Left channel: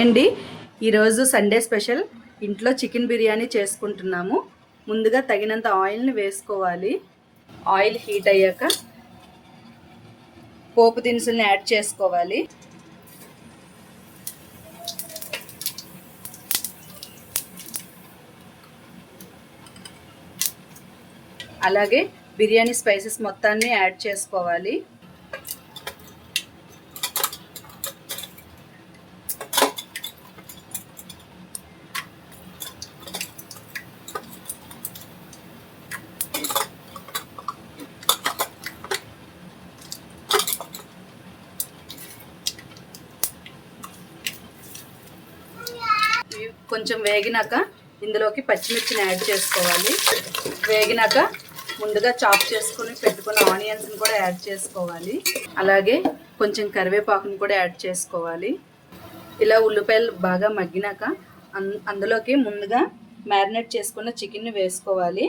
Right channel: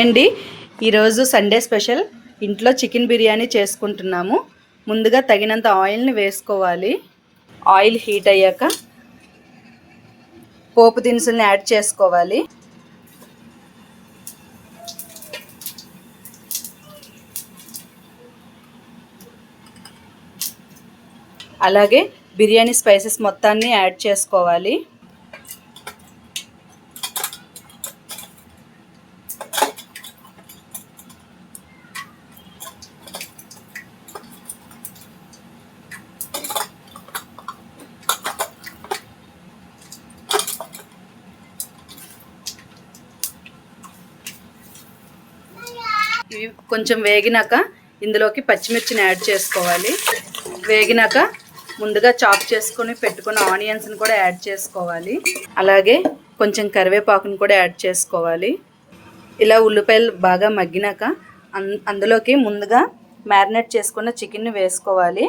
అండి ఈరోజు Sunday special. ఇంట్లో చికెన్ బిర్యానీ చేసుకుంటున్నాము. ముందుగా తగినంత ఆయిల్ని వేసుకోవాలి. ఆయిల్ హీట్ అయ్యాక పోపు దినుసుల్ని యాడ్ చేసుకోవాలి. అలాగే బిర్యానీ స్పైసెస్ మొత్తాన్ని యాడ్ చేసుకోవాలి. ఇవి కొంచెం వేగినాక ఇందులోకి పచ్చిమిర్చిని యాడ్ చేసుకోవాలి. వేగినాక ముందుగా చాప్ చేసుకొని పెట్టుకున్న ఆనియన్స్ని కూడా యాడ్ చేసుకోవాలి. అలాగే కొంచెం కరివేపాకుని కూడా యాడ్ చేసుకోవాలి. ఇలా ఉల్లిపాయలు బాగా మగ్గినాక అన్ అందులోకి ముందుగా మ్యారినేట్ చేసుకున్న చికెన్ని వేసుకోవాలి.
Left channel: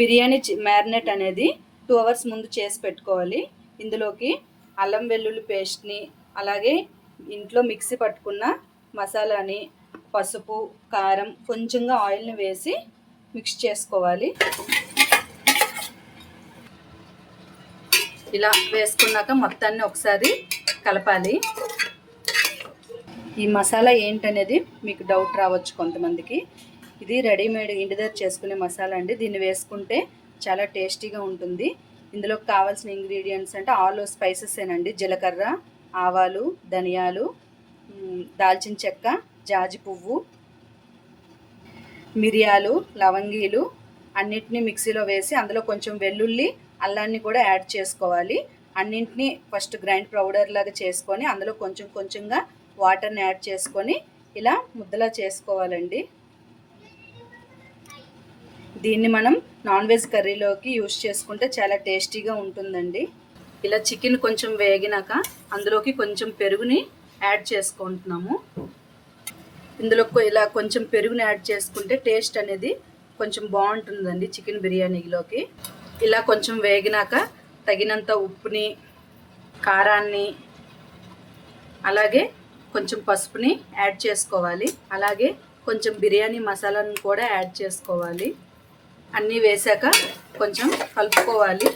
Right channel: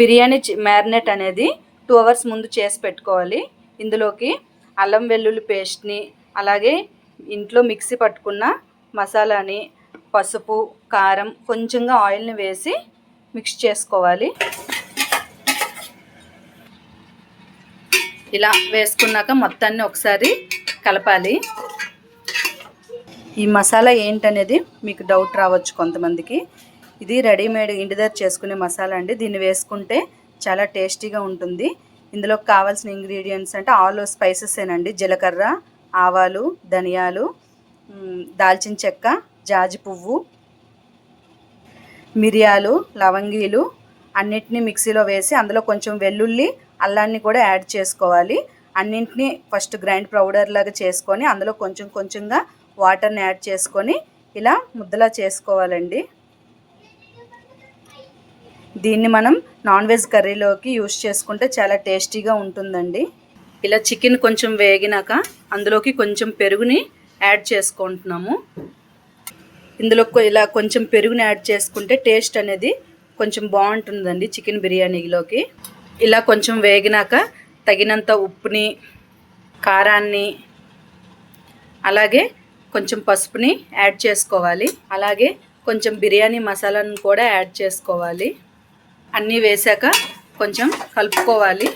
బిర్యానీ మ్యారినేట్ అనేది టూ అవర్స్ ముందు చేసి పెట్టుకోవాలి. ఇందులోకి అల్లం వెల్లుల్లి పేస్ట్ని అలాగే ఇంట్లో మిక్సీ పట్టుకున్న మసాలాని పసుపు కారం కొంచెంగా ఆయిల్ని వేసి మిక్స్ చేసుకోవాలి. ఇలా వేసుకున్నాక మొత్తాన్ని ఒకసారి కలపాలి. ఈ మసాలా ఏంటనేది మీకు డౌట్ రావచ్చు కొంతమందికి. ఇది రెడీమేడ్ ఇంటి దగ్గర చేసుకునే మసాలా అండి. దీన్ని వేసుకుంటే చాలా టేస్టీగా ఉంటుంది. ఇందులో కావాల్సిన ఇంగ్రీడియంట్స్ అంటే ఆల్ స్పైసెస్ ఏనండి. జీలకర్ర ఆవాలు ధనియాలు దాల్చిన చెక్క జాజి పువ్వు మిరియాలు లవంగీలు అన్నిటినీ మిక్సీలో వేసి అందులో కొంచెం వెల్లుల్లి అల్లాన్ని కూడా యాడ్ చేసుకోవాలి. అన్నింటినీ ఫస్ట్ గ్రైండ్ పౌడర్ లాగా చేసుకొని అందులో కొంచెం కొంచెంగా వాటర్ని యాడ్ చేసుకొని ఇలా ముద్దలా చేసుకోవాలండి. దీన్ని మనం నాన్ వెజ్ కర్రీలోకి యూస్ చేసుకుంటే చాలా టేస్టీగా ఉంటుందండి. ఇలా చికెన్ కొంచెం వేగినాక అందులోకి కొంచెం పెరుగుని యాడ్ చేసుకుంటున్నాము. ఇందులో ఇలా కొంచెం పెరుగుని యాడ్ చేసుకుంటే టేస్ట్ అనేది కొంచెం బాగుంటుందండి చికెన్ బిర్యానీలోకి. ఇలా కొంచెం వేగినాక తగినంత ఉప్పుని కారాన్ని అలాగే కొంచెం పసుపుని యాడ్ చేసుకోవాలి. అలాగే కొంచెం బిర్యానీ మసాలాను కూడా యాడ్ చేసుకోవాలి. అన్నీ వేసాక కొంచెం కలుపుకోవాలి.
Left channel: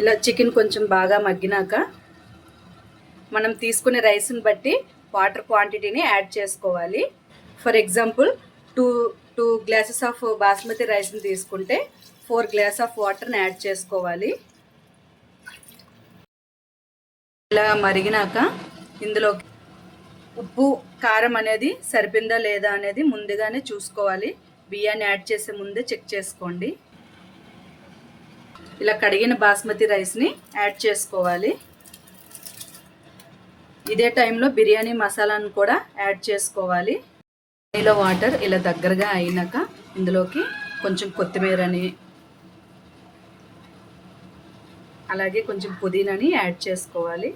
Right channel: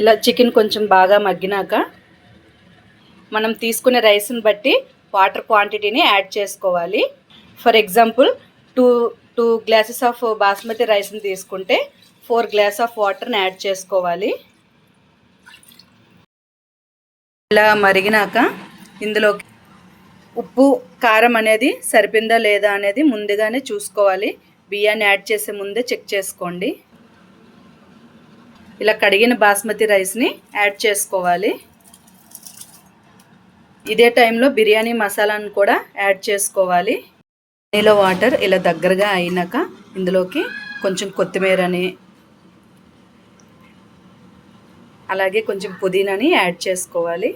ఇలా చికెన్ కొంచెం బాగా మగ్గినాక మనం తీసుకునే రైస్ని బట్టి వాటర్ క్వాంటిటీని యాడ్ చేసుకోవాలి. For example two two glasses of basmati రైస్ని తీసుకుంటే ఫోర్ గ్లాస్ ఆఫ్ వాటర్ని యాడ్ చేసుకోవాలి. ఇలా మరిగినాక ఇందులో ఉప్పు కారం అనేది సరిపోయిందా లేదా అనేది ముందుగానే చూసుకోవాలి. బియ్యాన్ని యాడ్ చేసే ముందే చెక్ చేసుకోండి. ఇలా కడిగిన బాస్మతి రైస్ని యాడ్ చేసుకోవాలి. ఇదే టైంలో బిర్యానీ మసాలాను కూడా యాడ్ చేసుకోవాలి. నీలో వాటర్ ఇలా దగ్గరగా అయినాక ఇందులోకి కొంచెం కొత్తిమీరని అలాగే కొంచెం పుదీనాని యాడ్ చేసుకోవాలి.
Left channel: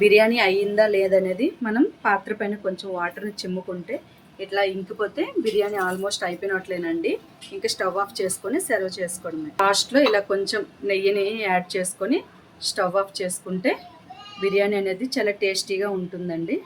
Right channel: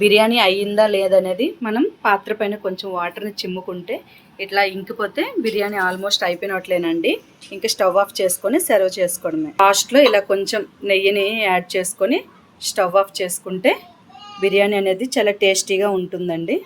బిర్యానీ అయ్యిందా లేదనేది మనం పాత్ర పైన కొంచెం వాటర్ని చిమ్ముకుంటే ఇట్లా ఇంకిపోతే బిర్యానీ ఆల్మోస్ట్ అయిపోయినట్లేనండి. ఇంకా స్టవ్ ఆఫ్ చేసుకొని సర్వ్ చేసుకోవడమే. లాస్ట్లో ఇలా కొంచెం నెయ్యిని యాడ్ చేసుకొని స్టవ్ ఆఫ్ చేసుకుంటే బిర్యానీ అనేది చాలా టేస్టీగా ఉంటుందండి.